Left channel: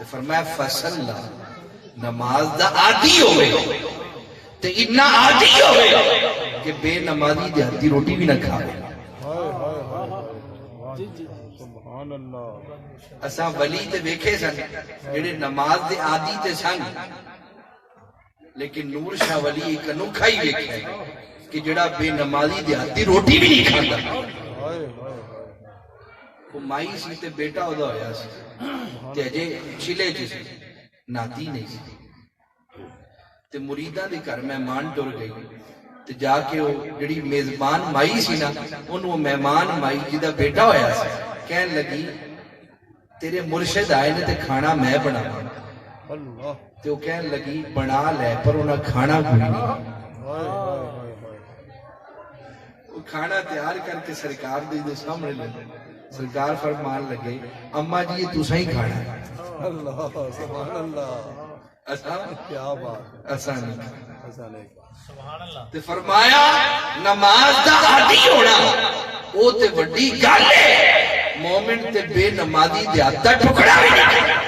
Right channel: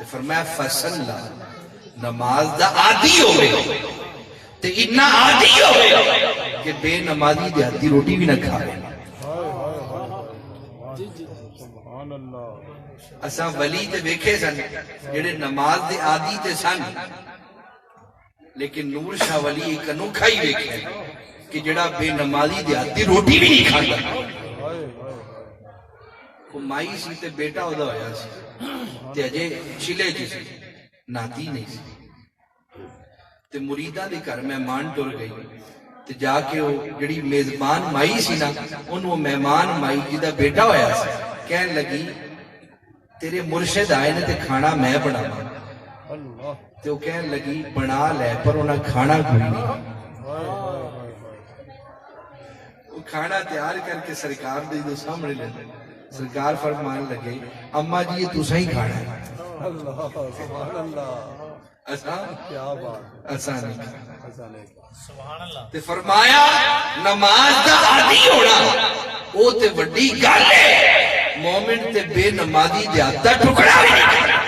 تے فرمایا فصلا نماز دا عادی ہوئے تے اتنا عادی ہوئے کہ بے نمازی دیہاتی روٹی بھی نہ کھاوے. اساں ولی تے ویکھے سن جڑے نماز دے عادی تے سن، لیکن نور شاہ ولی ایک انوکھا ہی ویکھیا کہ جڑا بے نمازی دیہاتی روٹی بھی نہیں کھاندا. وہ مائی سی تے بیٹا ہودا ہویا سی تے اجے چلے جی سی، ناتی نہیں سی. تے مریداں دے گھر مہمان ٹر گئی تے جا کے وہ جڑی میزبان مائی سی نا انہوں مہمان مائی جی دا بیٹا ہویا سی کہن لگی تیرے مرشد آئے نے تے کھانا میں بنا تے وہ کہن لگی بنا لے پر انہاں کھانا کوئی نہیں. وہ کھانا تیار کر کے سرکار دے دو سامنے لے سرکار فرمان لگے اماں جی یہ تسا ہی کھانا ہے، ایسا نہیں. تے فرمایا نماز دا عادی ہونا او تے وڈی گل ہے، مومن تے بے نمازی دیہات دا ٹکڑا بھی نہیں.